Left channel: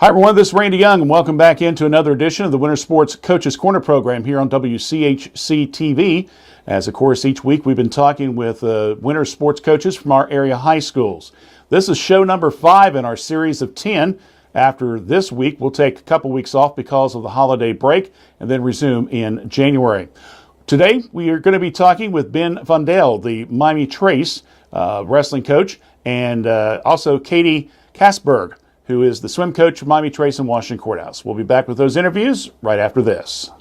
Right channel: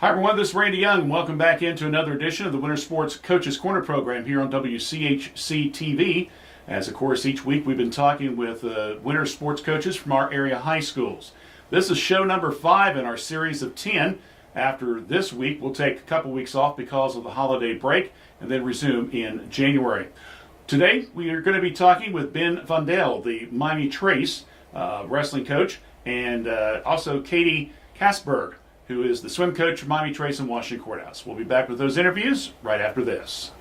Hi everyone, this is Randy Young and welcome back into another edition of the Winter Sports Coaches Corner program here on WCHC TV. As of course each week we've been talking with winter sports coaches from our area high schools. This is show number 5 in our series of 10. After this week we'll take a couple weeks off because of the holiday break and then resume in January. Today we are going to be talking with Ben Vondel, the Miami Trace wrestling coach, and also Katie Kasberg, who is the swim coach for Miami Trace and Washington Courthouse. We'll be back with those interviews right after this.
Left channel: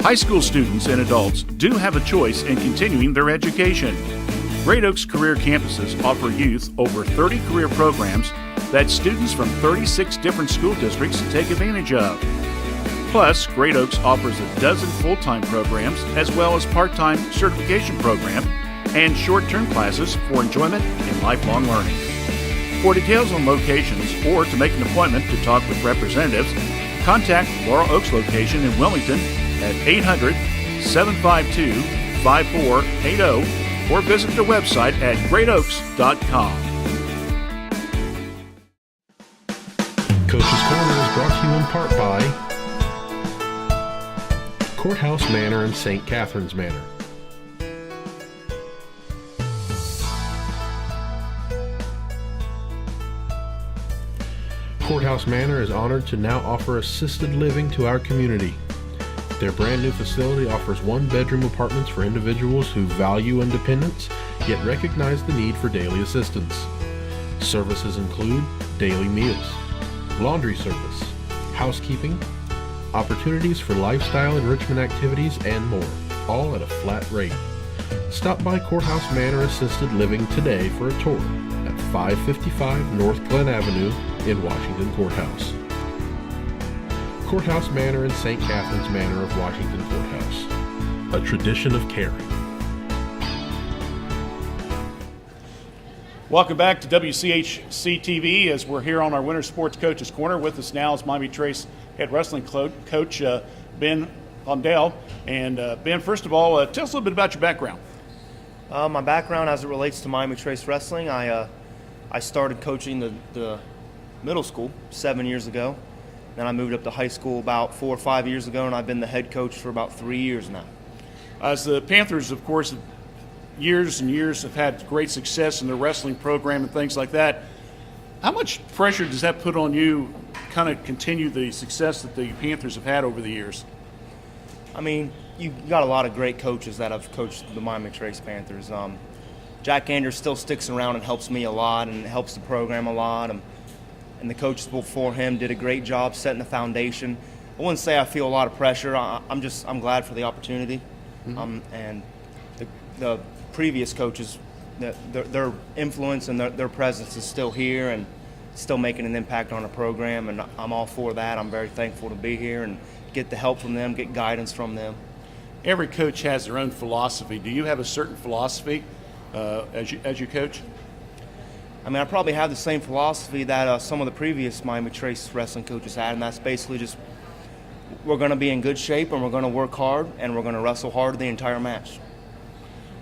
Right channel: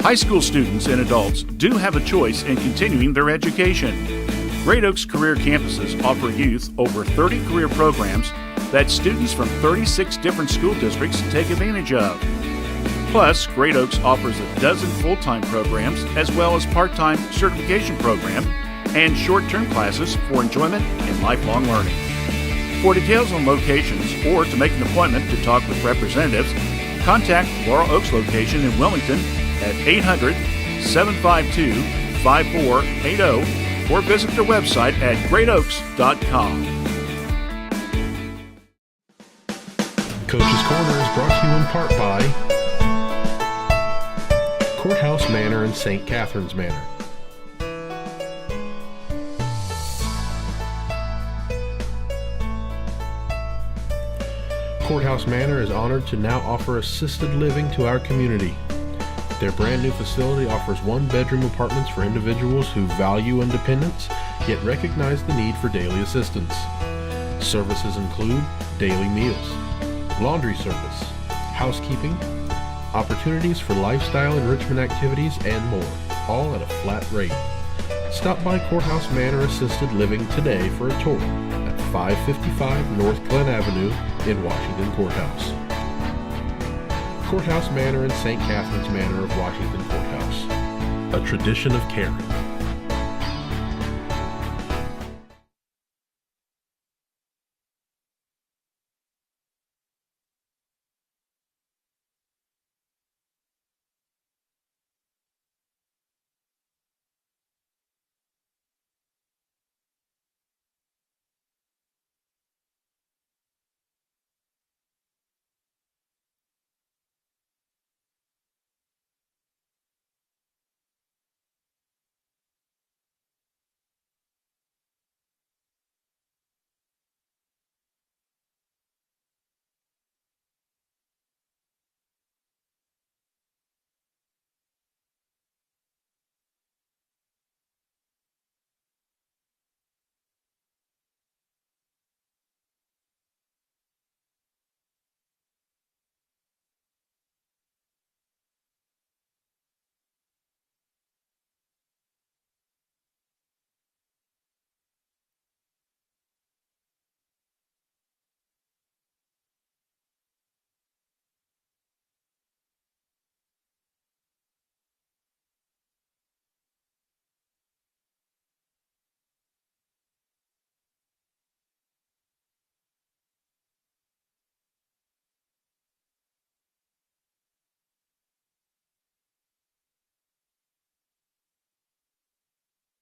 High school students and adults do have a choice in continuing their education. Great Oaks Career Campuses offer youth over 30 career programs that students from 36 different school districts take advantage of. Plus, Great Oaks offers a dozen full-time programs as well as part-time certification program and short-term classes for enjoyment and lifelong learning. For details on locations or to make an appointment to talk with representatives, contact Laurel Oaks location in Wilmington at 800-752-5480 or visit their website at greatoaks.com. Coach's Corner is brought to you in part by Courthouse Manor and St. Catharines Manor. Courthouse Manor is honored to now offer assisted living to our community. Their brand new facility offers one-bedroom apartments for individuals who value independence, yet recognize the need for daily assistance. Services include daily meals, laundry service, housekeeping, opportunities for lifestyle enrichment activities, and more, all at a flat rate. Stop by Courthouse Manor Assisted Living today for a tour at 555 North Glen Avenue in Washington Courthouse. Courthouse Manor and St. Catharines Manor of Washington Courthouse, a tradition of caring. Welcome back to WCHC TV as we're here on our Winter Sports Coaches Corner. With us now is Miami Trace head wrestling coach Ben Vondel. And Ben, first of all, tell us a little bit about your background. My background as it relates to Miami Trace Wrestling, I started coaching the middle school 7 years ago. Then I moved up to high school about 4 or 5 years ago, and I've been the head coach for about 3 years now. As the Panthers, of course, years and years have had great success in their wrestling program and things like that. How much pressure does that put on you kind of continue the success that the Panthers have had over the years? I mean, you got a lot of great coaches that have coached the Miami Trace Panthers. Jack Anders still sticks around and helps me a lot and helps the program a lot. And the coaches before him did a great job setting the foundation. I wouldn't say I feel a lot of pressure. I'm glad for the opportunity. Mm-hmm. And the previous coaches, their influence and their presence is still here and still making an impact on the program, and I'm all for that. I'm very thankful to be here and get the help from them, get guidance from them. Every coach has their own philosophy. Do you have a certain philosophy as you coach? I mean, I probably have the same philosophy that some of the previous Miami Trace wrestling coaches had, and that's basically just we're going to be in good shape and we're going to work hard and we're going to wrestle hard the entire match.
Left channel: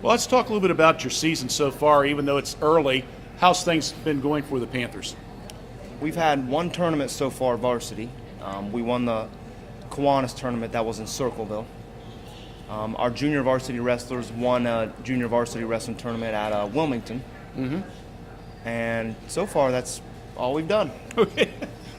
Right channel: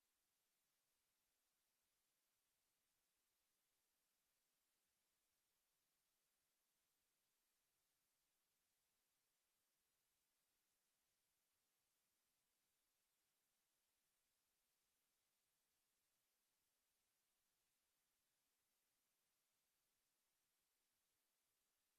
Well, let's talk a little bit about your season so far, even though it's early. How's things been going for the Panthers? We've had one tournament so far, varsity. We won the Kiwanis tournament that was in Circleville. Our junior varsity wrestlers won a junior varsity wrestling tournament at Wilmington. Mm-hmm. And so far, that's all we've done. Okay.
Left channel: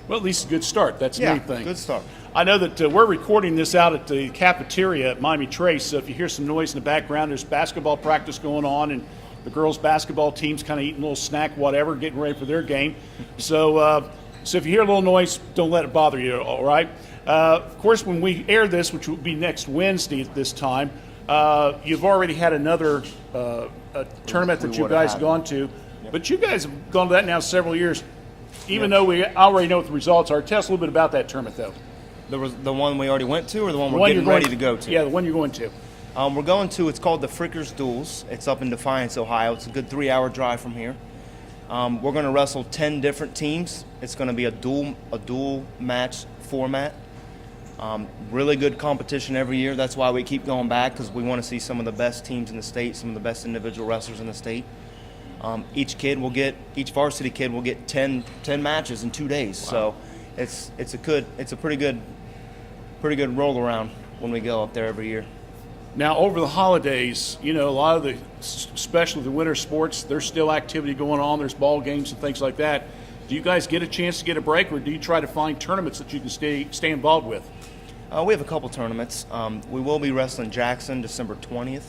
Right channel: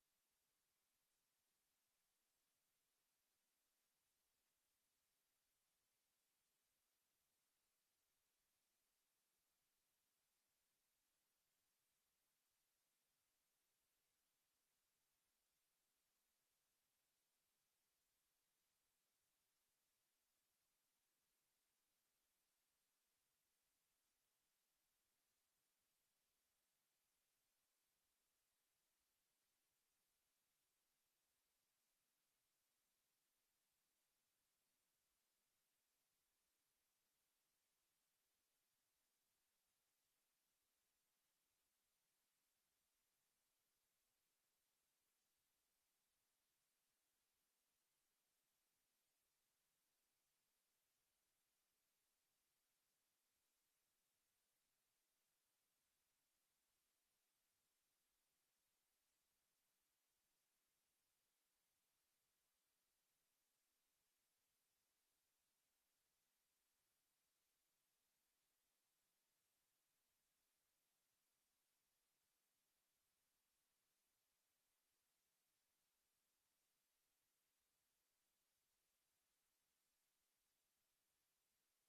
Well, at least a good start. That's the main thing. Good start. I know that we're recording this out at the cafeteria at Miami Trace, so if you hear some noise in the background, there's basketball practice going on, and the girls' basketball team's kind of eating a little snack, whatever, getting ready for their game. So if you hear a little noise, don't let it bother you, all right? Of course, when we air this, which will be next Wednesday at this time, you've already had another tournament that you guys have gone to. But you guys have gone to that now several years, even though we already know what the results are. Tell us a little bit about that tournament, though. The one we already went to, or the one we're getting ready to go to? Yeah, the one you're going to. We're going to, it's called the Frickers Duels. It's up in Defiance, Ohio. It's a good 3-hour drive from here. We're going to wrestle 10 different teams. It's going to be a dual match format. Really good competition every year. That's why we keep going back, because we want to see some of the best teams in the state, some of the best individual wrestlers in the state. Each varsity kid will get 10 matches in 2 days. Wow. So it's a pretty good roll around when we go up there every year. Now, over the holidays, a lot of especially the winter sports, there's still activity going on. There's ball games and things like that. Do you guys get a chance to get a break, or do you try to find tournaments that you can stay involved with? We have a couple tournaments. We will be wrestling Jackson December 20th.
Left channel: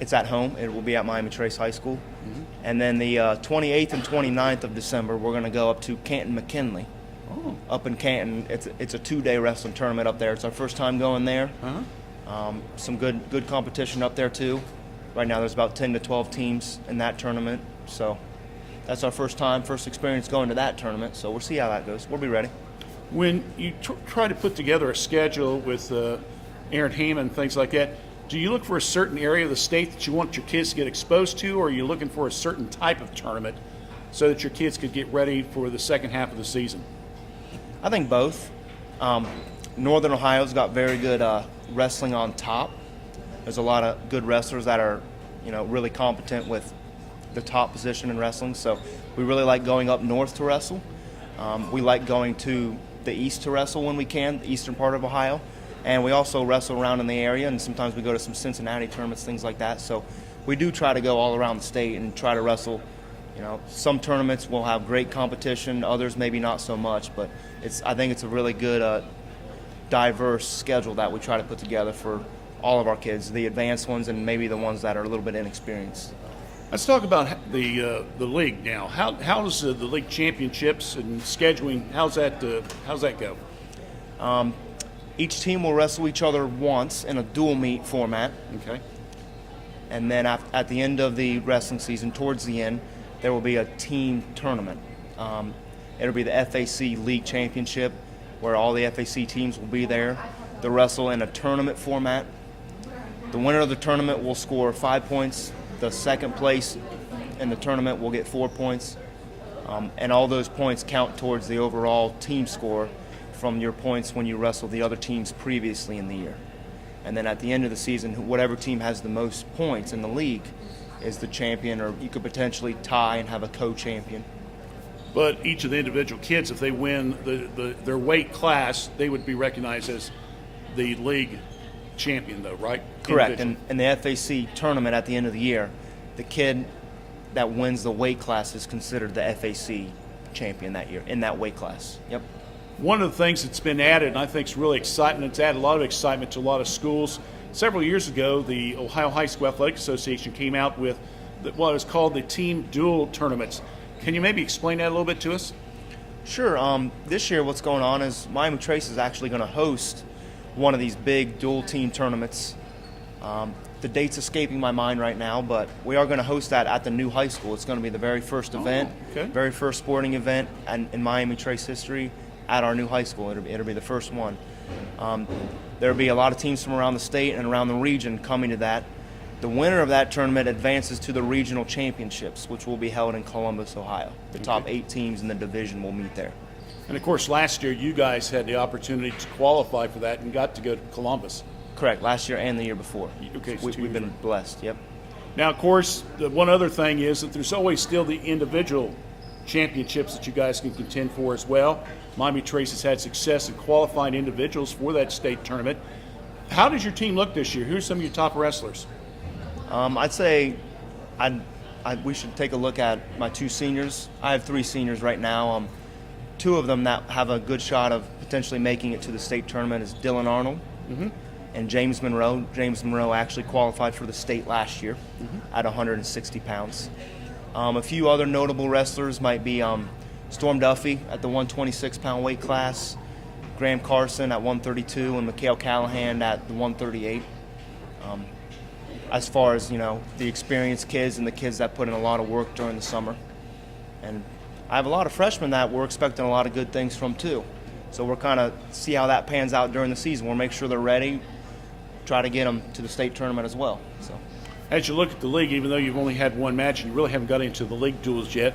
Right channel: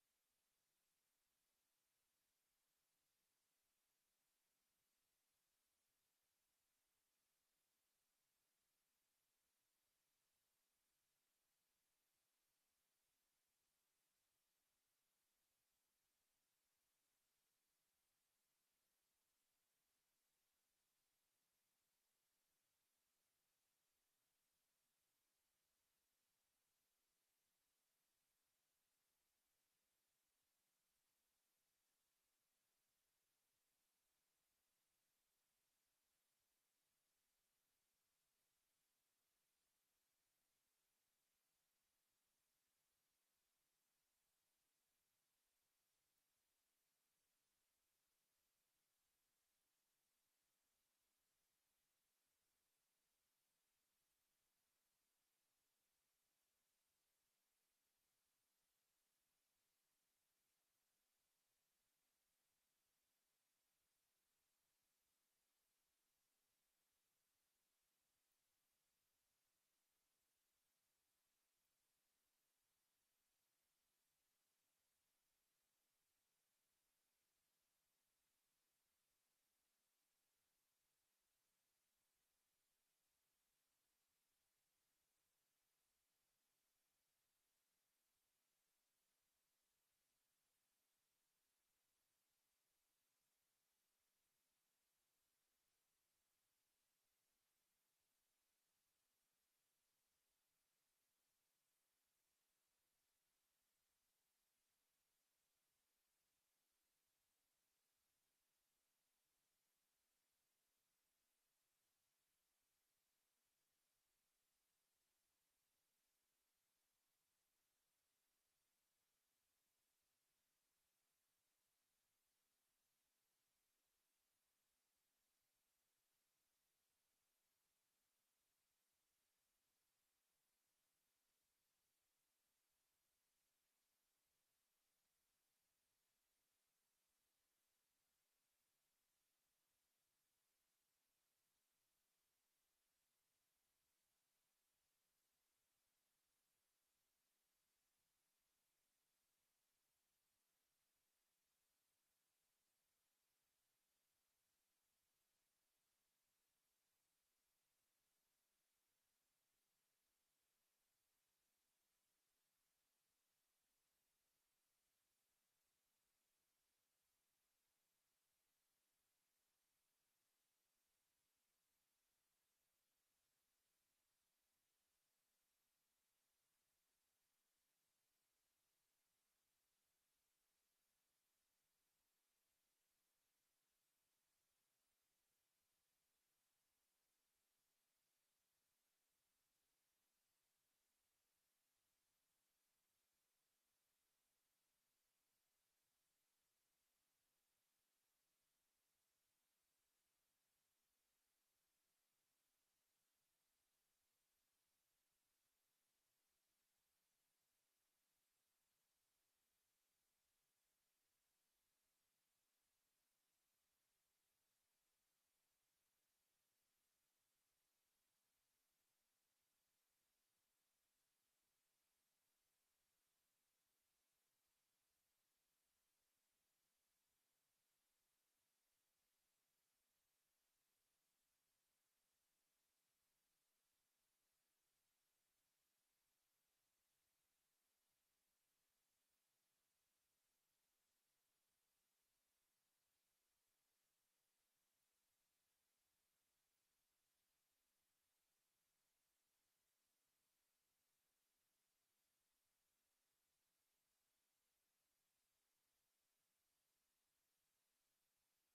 It's at home. It will be at Miami Trace High School. Mm-hmm. And then the 28th and 29th of December, we're going to go up to Canton McKinley. Oh. Up in Canton. It's a 2-day wrestling tournament up there. It's our first time going there. Uh-huh. Some good competition up there too. Right now there's about 10 to 12 teams in that tournament. So that's our first experience going to that tournament. So we'll see how that goes. We'll be ready. When you try to put together a schedule with Aaron Heyman and things like that, do you look for a certain area of the state that you want your kids to get exposed to, or are you looking for a certain type of tournament so that your kids could get ready for the second half of the season? I think both. Northern Ohio's got very good wrestling on top. There's a lot of good wrestlers that are, really competent with the top position in wrestling. So we really like going up north to wrestle. We like going to the east to wrestle when we can, the eastern part of Ohio. And we also wrestle around in the area, and sometimes we go to some Cincinnati tournaments, things like that. So we do try to go all around the state and try to wrestle. Some tournaments will have great competition, others maybe not so much, but I think it's a really good diverse schedule that we try to put together for all of our kids, the advanced ones and maybe the ones that are a little bit inexperienced. Let's talk about the league now. How does the league championships and scheduling, how's that go? Each team will wrestle each other once in a dual meet format. Okay. And then at the end of the wrestling season, towards the end, there will be a team tournament. It'll be the FAC League Championship, where all the FAC teams will be there. They'll wrestle in a tournament format. The winner of the tournament will score 5 points. The second place in the tournament will get 4 points. And all those points count towards the overall team score from your points when you wrestled the other teams previously in the year. And then at the end of the season, whatever team has the most points in the league is the champion, or you could potentially tie and have a co-champion. But each of the individual kids, if they win their weight class, they would be recognized as the league champion, though, right? Correct. And in the FAC tournament at the end of the year, the kid that wins the weight class is considered the FAC champion that year in that weight class. Yep. One of the things that's been added, and I think is really exciting, it's added a lot of excitement to a lot of schools. Several years ago, the Ohio High School Athletic Association came out with what is called the team dual tournaments. Can you maybe explain that a little bit to us? Sure. This year what's going on is Miami Trace is actually going to host one of these big dual team tournaments. The date's escaping my mind right now, but we are going to host that at the new high school. It's going to be the very first event, very first sporting event in Miami Trace history at our new high school. It'll be the first one. There'll be a lot of teams from around the state and around the region coming to that. The winner of that tournament advances to the regional championships, which will be held in Columbus, Ohio. The top 8 teams in the division will meet there. And of course, last year you guys had the opportunity to qualify for that and got to go to Columbus. Correct, last year and the year before. Okay, so we've been blessed, yep. Now, of course, the one other thing is that there's always still the individual championships that you guys can contend for as well. Miami Trace has had success in qualifying individuals for that state tournament. How does your team look this year? Who are some of your top wrestlers? I'd say we should take a look at my 2 seniors. I have 3 seniors right now. 2 of them that have a good shot of potentially making it to the state tournament is Dylan Arnold and James Monroe. James Monroe actually qualified for the state last year at 160 pounds. A few other notable wrestlers might be Storm Duffy at the 126-pound weight class, Graham Carson at 132, and Mikhail Callahan at the 138. As far as, the experienced kids and the kids that put in a lot of work during the summer. And I have a lot of freshmen that we're expecting a lot of good things from too. So we're kind of see how that pans out during the season. We'll make sure they're ready, try to get them to the state tournament as well. So, as you look at the league, even though you've only had one match and you really haven't got into the league duels yet,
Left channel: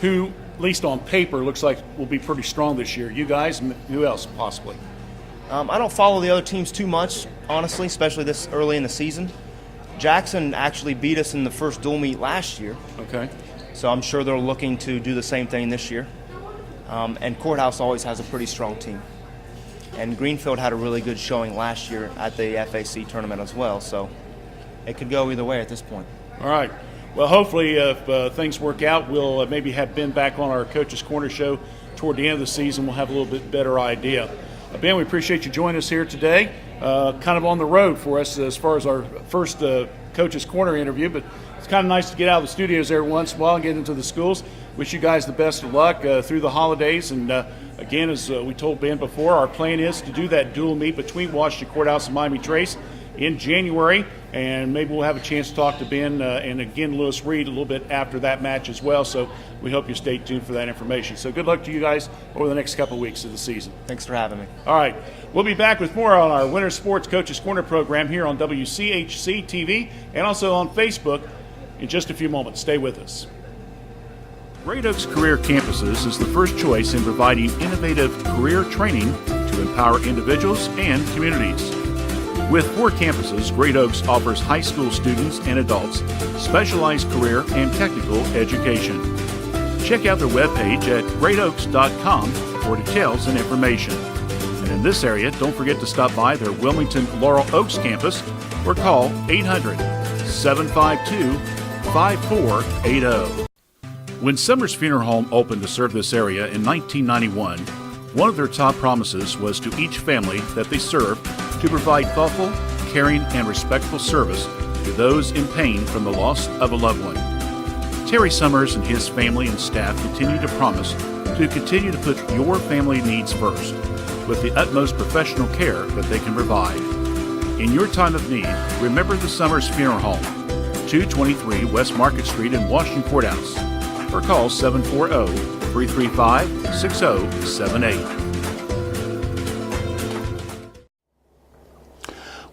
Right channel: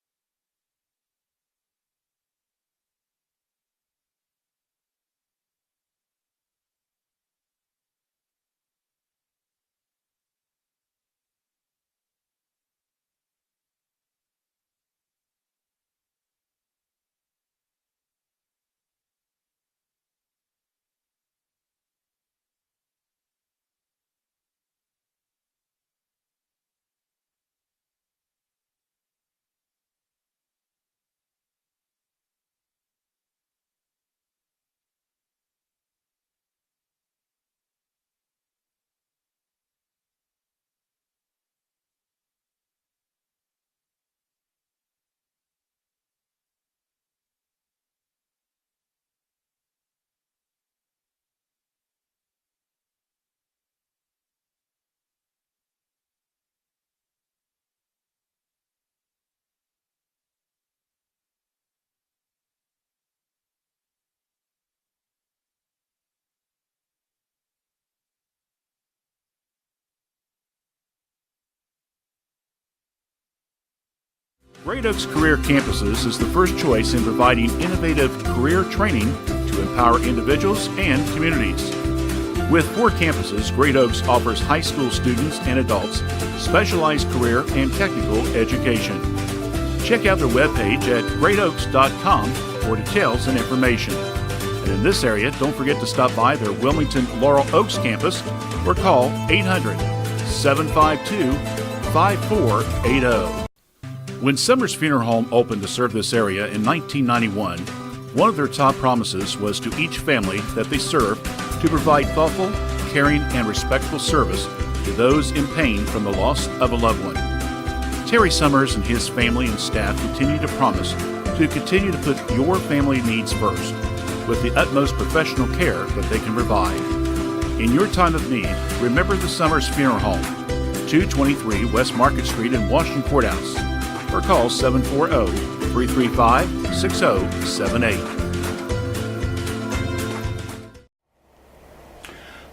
who, at least on paper, looks like will be pretty strong this year? You guys, and who else possibly? I don't follow the other teams too much, honestly, especially this early in the season. Jackson actually beat us in the first dual meet last year. Okay. So I'm sure they're looking to do the same thing this year. And Courthouse always has a pretty strong team. And Greenfield had a really good showing last year at the FAC tournament as well. So it could go either way at this point. All right. Well, hopefully, if things work out, we'll maybe have Ben back on our Coach's Corner show toward the end of the season. We'll have a little bit better idea. Ben, we appreciate you joining us here today. Kind of on the road for us as far as our first Coach's Corner interview, but it's kind of nice to get out of the studios every once in a while and get into the schools. Wish you guys the best of luck through the holidays. And again, as we told Ben before, our plan is to do that dual meet between Washington Courthouse and Miami Trace in January, and maybe we'll have a chance to talk to Ben and again Lewis Reed a little bit after that match as well. So we hope you stay tuned for that information. So good luck to you guys over the next couple of weeks of the season. Thanks for having me. All right, we'll be back with more on our Winter Sports Coaches Corner program here on WCHC TV and also on Facebook in just a few moments. Stay with us. Great Oaks Career Campuses is the first choice in providing innovative career training to empower individuals and communities. With 4 campuses, Great Oaks offers high school students and adults specialized career and technical education. Check out their webpage at greatoaks.com for details and information. And in this area, don't forget to stop by their Wilmington Laurel Oaks campus or call 800-752-5480. When Summers Funeral Home opened to serve this area in 1991, one of their top promises was to each family that they served to provide thoughtful, caring, and respectful service to those in pain from the loss of a loved one. Terry Summers and his family and staff continue to promise to continue to put your family needs first with the utmost professional care that they can provide. In your time of need, remember the Summers Funeral Home, 223 West Market Street in Washington Courthouse, or call 740-335-6078.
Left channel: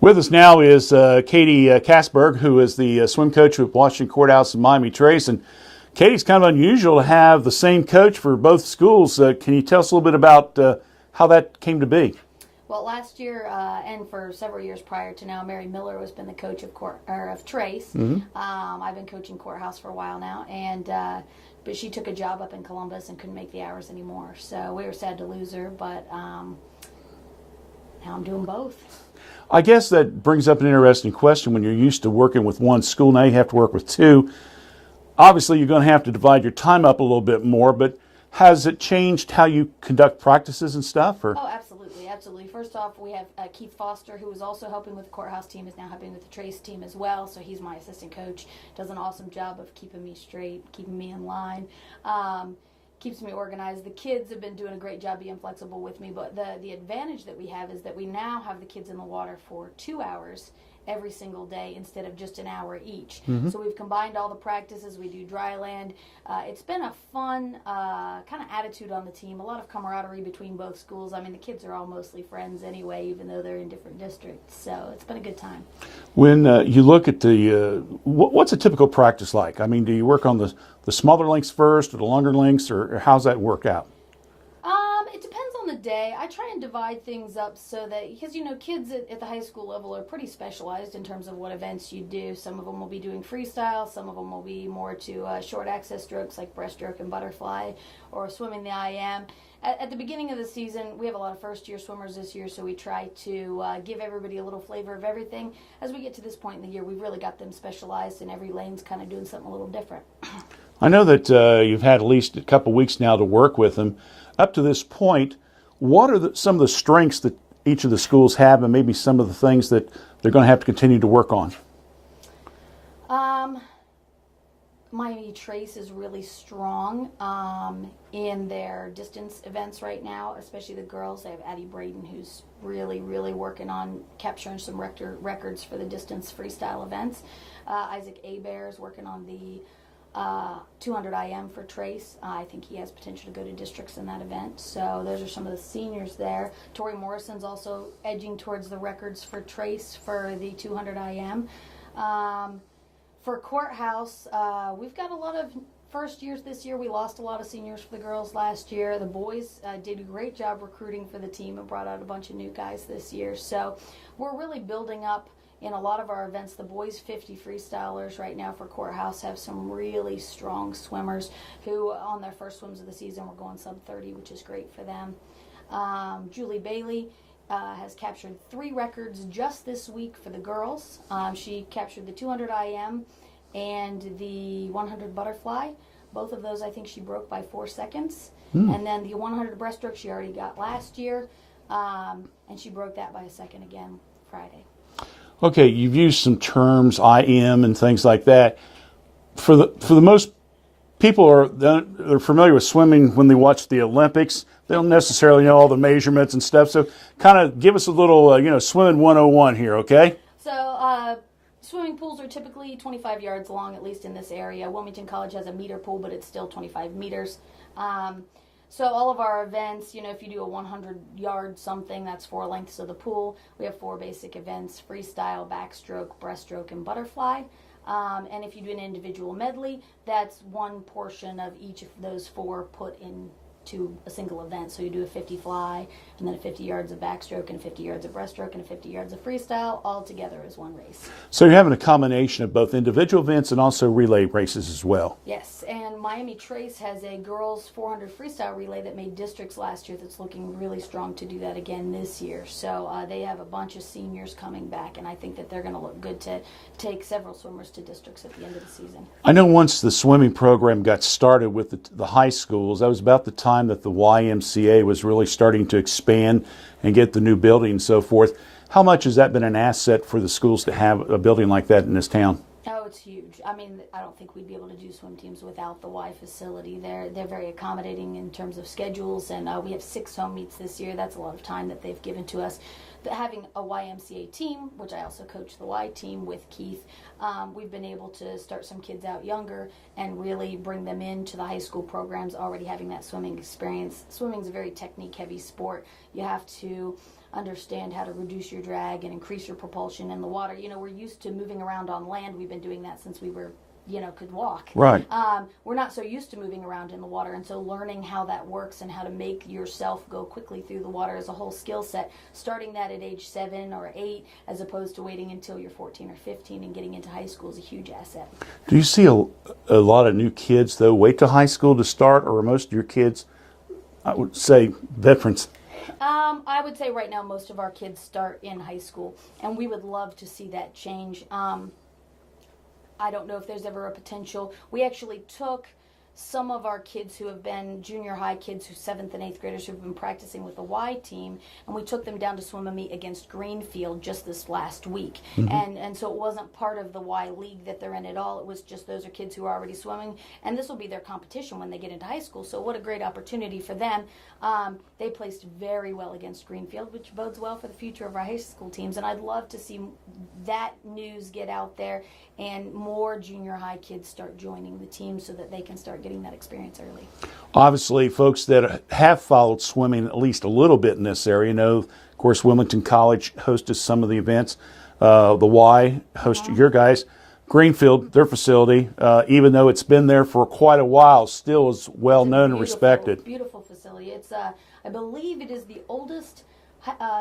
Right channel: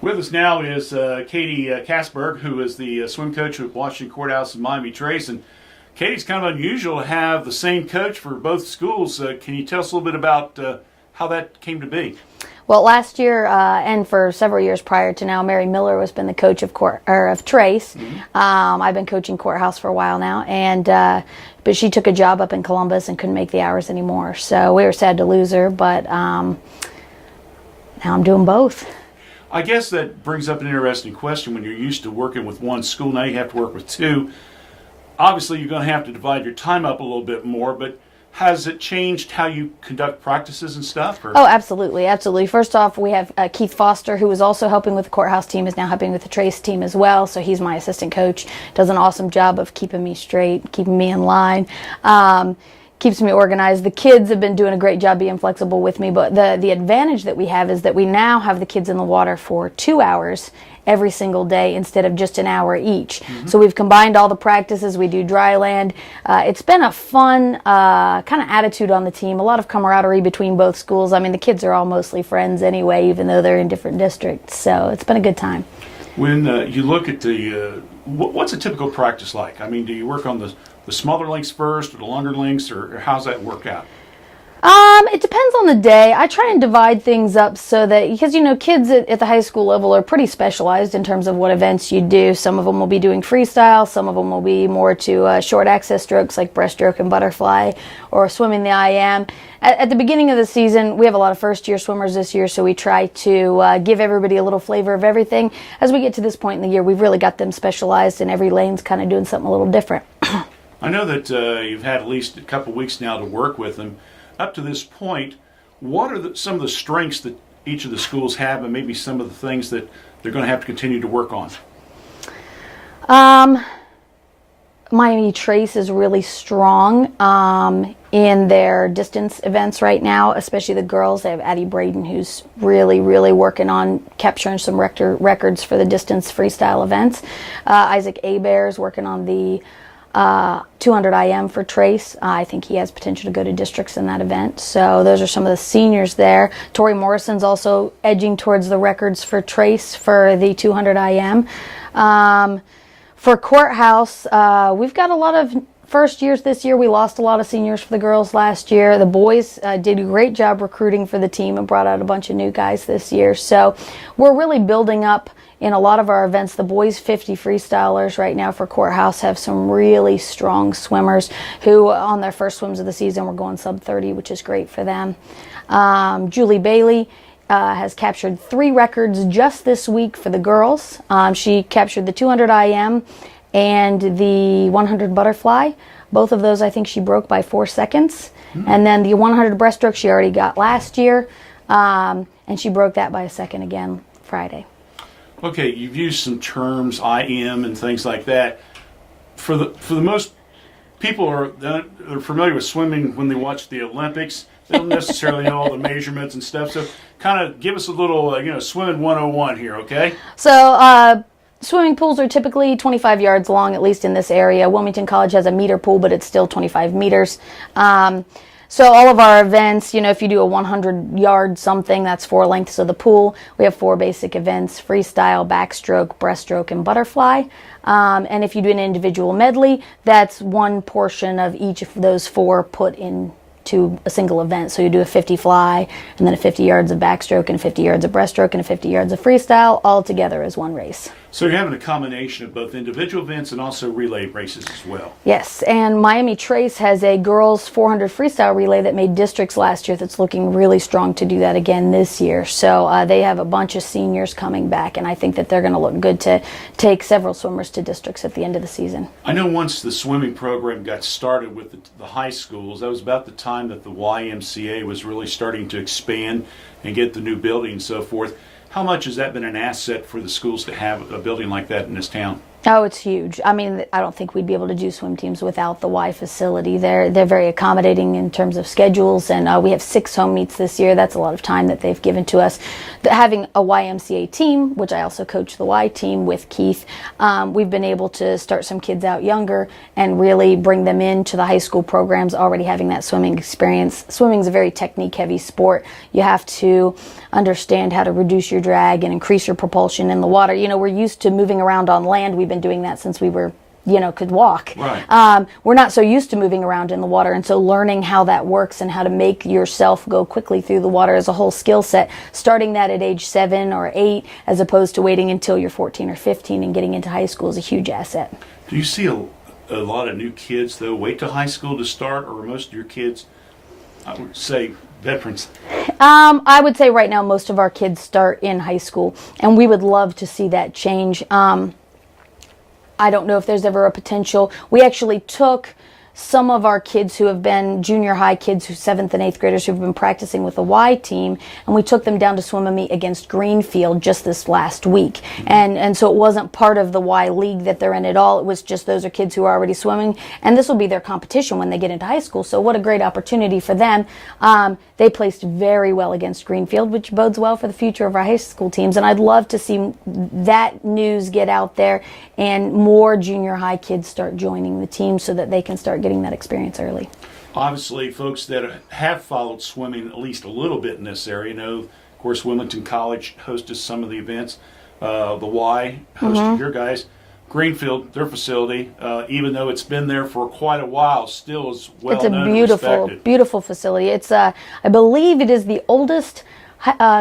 With us now is Katie Kasberg, who is the swim coach at Washington Courthouse and Miami Trace. And Katie's kind of unusual to have the same coach for both schools. Can you tell us a little bit about how that came to be? Well, last year and for several years prior to now, Mary Miller has been the coach of Trace. Mm-hmm. I've been coaching Courthouse for a while now, and but she took a job up in Columbus and couldn't make the hours anymore. So we were sad to lose her, but now I'm doing both. I guess that brings up an interesting question. When you're used to working with one school, now you have to work with 2. Obviously, you're going to have to divide your time up a little bit more, but has it changed how you conduct practices and stuff? Or? Oh, absolutely, absolutely. First off, we have Keith Foster, who is also helping with the Courthouse team, is now helping with the Trace team as well. So he's my assistant coach, does an awesome job of keeping me straight, keeping me in line. Keeps me organized. The kids have been doing a great job being flexible with me, but the advantage that we have is that we now have the kids in the water for 2 hours every single day instead of just an hour each. Mm-hmm. So we've combined all the practices. We do dry land. It's been a fun kind of attitude on the team, a lot of camaraderie between both schools. I mean, the kids are all mostly friends anyway, even though they're in different districts. So it's been a good time. When you look at the, what's a typical practice like? I mean, do you work on the smaller lengths first or the longer lengths, or how's that work out? It depends on the day. I try and divide things up so that, because, you know, kids at the high school level are pretty specialized in terms of what events you do. Some of them will be doing freestyle. Some of them will be more to short access strokes like breaststroke and butterfly, or swimming the IM. At the beginning of the season, we have a lot of first-year swimmers this year, so we try to give everybody a little flavor of everything. As we get to this point in the year, we've really got them specialized, and every lane's kind of doing something a little different. I know that you've had at least a couple weeks now to work with them. Up to this point, what are some of the strengths that each of the schools have, and maybe some of the things that they're going to have to continue to work on? Miami Trace is really strong in their distance events right now, especially the girls. They have Addie Braden, who's really, really working on capturing some records for the distance freestyle events. Isaac Hebert is working on the 200 IM for Trace. I think he has potential to go to districts in that event. So those are some of the seniors there. Tori Morrison's also edging towards the records for Trace for the 200 IM. For Courthouse, we've got a lot of first years this year. We lost a lot of seniors for the girls last year. The boys did a great job recruiting for the team and brought out a bunch of new guys this year. So we're really building up in a lot of our events. The boys 50 freestylers right now for Courthouse have some really strong swimmers who on their first swims of the season were going sub 30, which is great for them. Julie Bailey has captured 3 records just this week for the girls. She captured the 200 IM and the 100 butterfly. Both of those I think she broke by 4 seconds. And then the 100 breaststroke she already got last year, and she broke that by a second again Friday. Okay, you've used some terms, IM and things like that. For the most people they're familiar with swimming when they watch the Olympics. They don't necessarily know all the measurements and stuff. So kind of give us a little, swimming 101 here, okay? So swimming pools are typically 25 yards long, at least in this area. Wilmington College has a meter pool, but it's still 25 meters. So all of our events, if you do a 100-yard something, that's 4 lengths of the pool. We have 4 basic events: freestyle, backstroke, breaststroke, and butterfly. And if you do an individual medley, that's one portion of each of those 4 put into a single event. So you do a 50 fly, and then a 50 yards of backstroke, and 50 yards of breaststroke, and a 50 yards of freestyle, all together as one race. So you're having a combination of both individual events and also relay races as well. Yes, and Miami Trace has a girls 400 freestyle relay that made districts last year that's looking really strong to do that again this year. So they have a bunch of seniors coming back, and I think that they're going to look good to take several swimmers to districts at the end of the season. I know once the swimming program got started with the high schools, that was about the time that the YMCA was really starting to expand and get the new building and so forth. How much has that been an asset for the schools to have a building like that in this town? Oh, it's huge. I mean, I don't think we'd be able to do swim teams without the Y facility. They're very accommodating in terms of schedules, and we have 6 home meets this year. That's a lot of time that they've given to us. Having a YMCA team, which I also coach the Y team with Keith, we've been able to start some kids out younger and really bring them into the high school programs already having that swimming experience. Swimming is a very technique-heavy sport. You have to understand how to reduce your drag and increase your propulsion in the water. We're used to moving around on land. We've been doing that since we were, could walk. Right. We're not so used to moving around in the water, and so learning how that works and how to make yourself go quickly through the water is a whole skill set. Starting that at age 7 or 8, as opposed to waiting until you're 14 or 15 and getting into high school, is a huge asset. Do you see a lot of new kids, though, wait till high school to start, or are most of your kids, I would say, veterans? I would say right now most of our kids start in high school, and we would love to see that change. I don't know if there's ever a potential. We actually took some of our kids who have been junior high kids, who 7th and 8th graders who've been practicing with the Y team, and we took them down to swim a meet against Greenfield just this last week. And so it wasn't part of the Y league that they're in at all. It was just those are kids who are already swimming, and this will be their competition when they get into high school. So what a great opportunity for them. They placed very well against Greenfield, which bodes well for the future of our high school teams. And I'd love to see that news get out there and more junior high kids start joining the team so that they can start getting that experience early. Obviously, folks that have followed swimming at least a little bit in this area know, of course, Wilmington College hosted some of the events. The Y hosted your guys. Greenfield, their facility, even though it's been there for quite a while, still is well known and respected. Beautiful facility. It's, I believe it is the oldest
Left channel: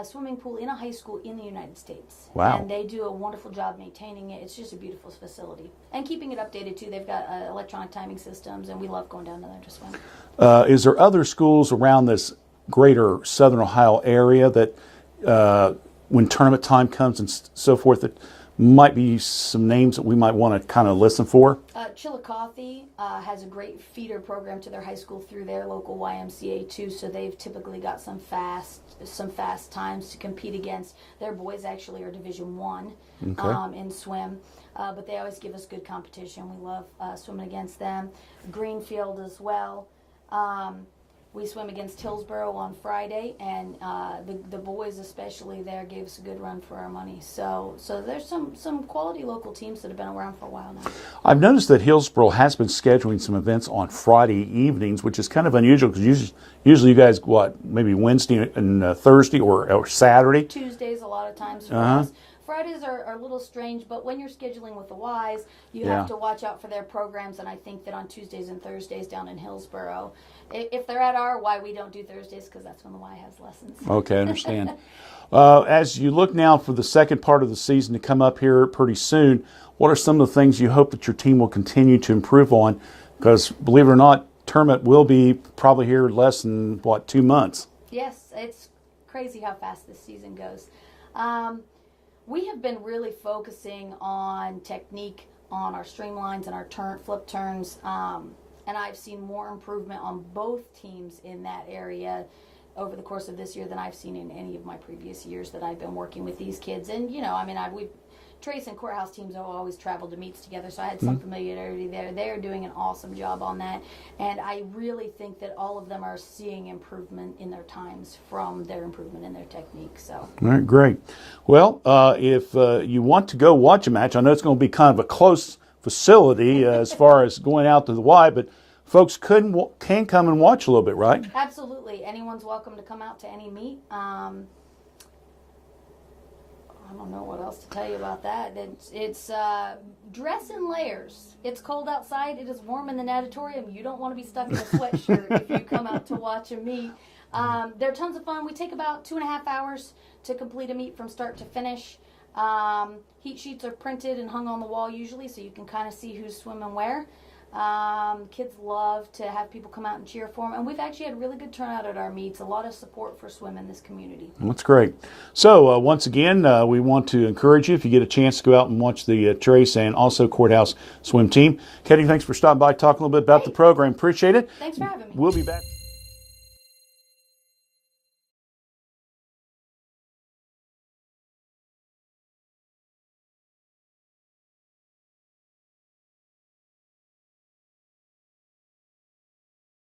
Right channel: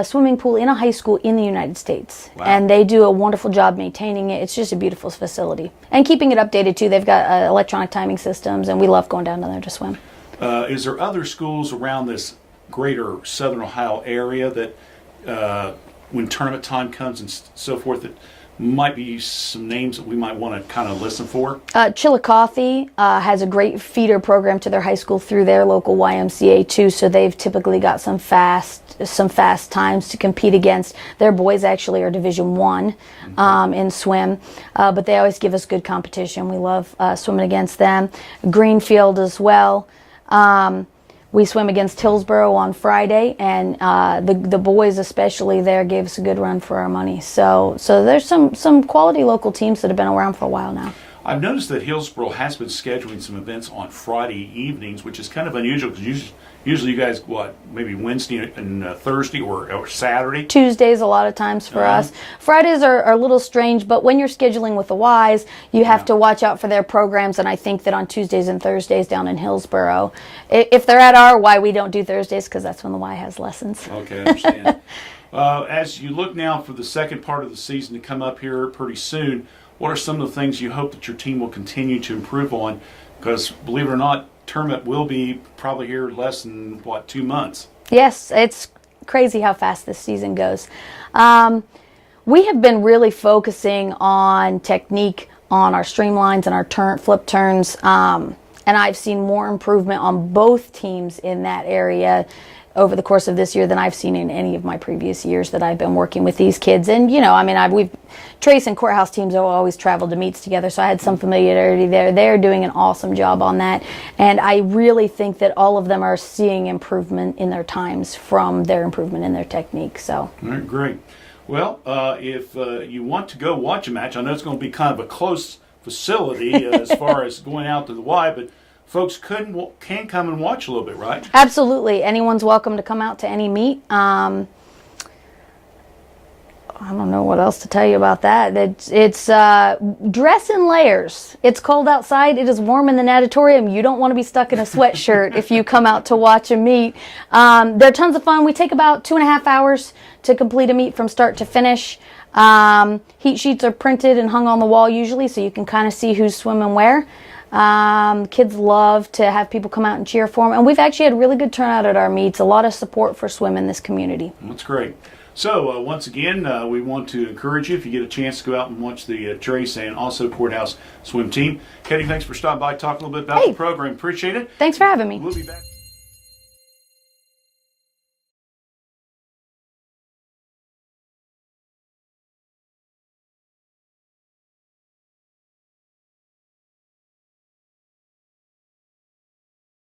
swimming pool in a high school in the United States. Wow. And they do a wonderful job maintaining it. It's just a beautiful facility. And keeping it updated, too. They've got electronic timing systems, and we love going down there to swim. Is there other schools around this greater Southern Ohio area that, when tournament time comes and so forth, that might be some names that we might want to kind of listen for? Chillicothe has a great feeder program to their high school through their local YMCA too, so they've typically got some fast times to compete against. Their boys actually are Division I in swim, but they always give us good competition. We love swimming against them. Greenfield as well. We swim against Hillsborough on Friday, and the boys especially there gave us a good run for our money. So there's some quality local teams that have been around for a while now. I've noticed that Hillsboro has been scheduling some events on Friday evenings, which is kind of unusual because usually you guys, maybe Wednesday and Thursday or Saturday? Tuesdays a lot of times for us. Fridays are a little strange, but when you're scheduling with the Ys, you have to watch out for their programs, and I think that on Tuesdays and Thursdays down in Hillsboro, if they're at our Y, we don't do Thursdays because that's when the Y has lessons. Okay, I understand. As you look now for the second part of the season to come up here pretty soon, what are some of the things you hope that your team will continue to improve on? Because believe it or not, tournament will be probably here less than, 2 months? Yes, it's crazy how fast this season goes. We have been really focusing on technique, on our streamlines and our flip turns, and I've seen more improvement on both teams in that area over the course of this year than I've seen in any of my previous years that I've been working with these kids. And, we've Trace and Courthouse teams have always traveled to meets together, so I had some familiarity there. They're doing an awesome job on that. And I really think that all of them are seeing improvement in their times from their improvement in their technique. So. All right, great. Well, if you want to go watch a match, I know it's going to be kind of a close facility as far as going out to the Y, but folks can come and watch a little bit, right? Absolutely. Anyone's welcome to come out to any meet. I don't know what else to tell you about that. It's dress in layers. It's cold outside. It is warm in the natatorium. You don't want to be stuck in a sweatshirt if you come out to watch a meet. They're tons of fun. We take about 2.5 hours to complete a meet from start to finish. Heat sheets are printed and hung on the wall usually, so you can kind of see who's swimming where. Kids love to have people come out and cheer for them, and we've actually had really good turnout at our meets. A lot of support for swim in this community. That's great. So once again, we want to encourage you, if you get a chance to go out and watch the Trace and also Courthouse swim team. Katie, thanks for stopping by, talking a little bit about the program. Appreciate it. Thanks for having me. We'll be back.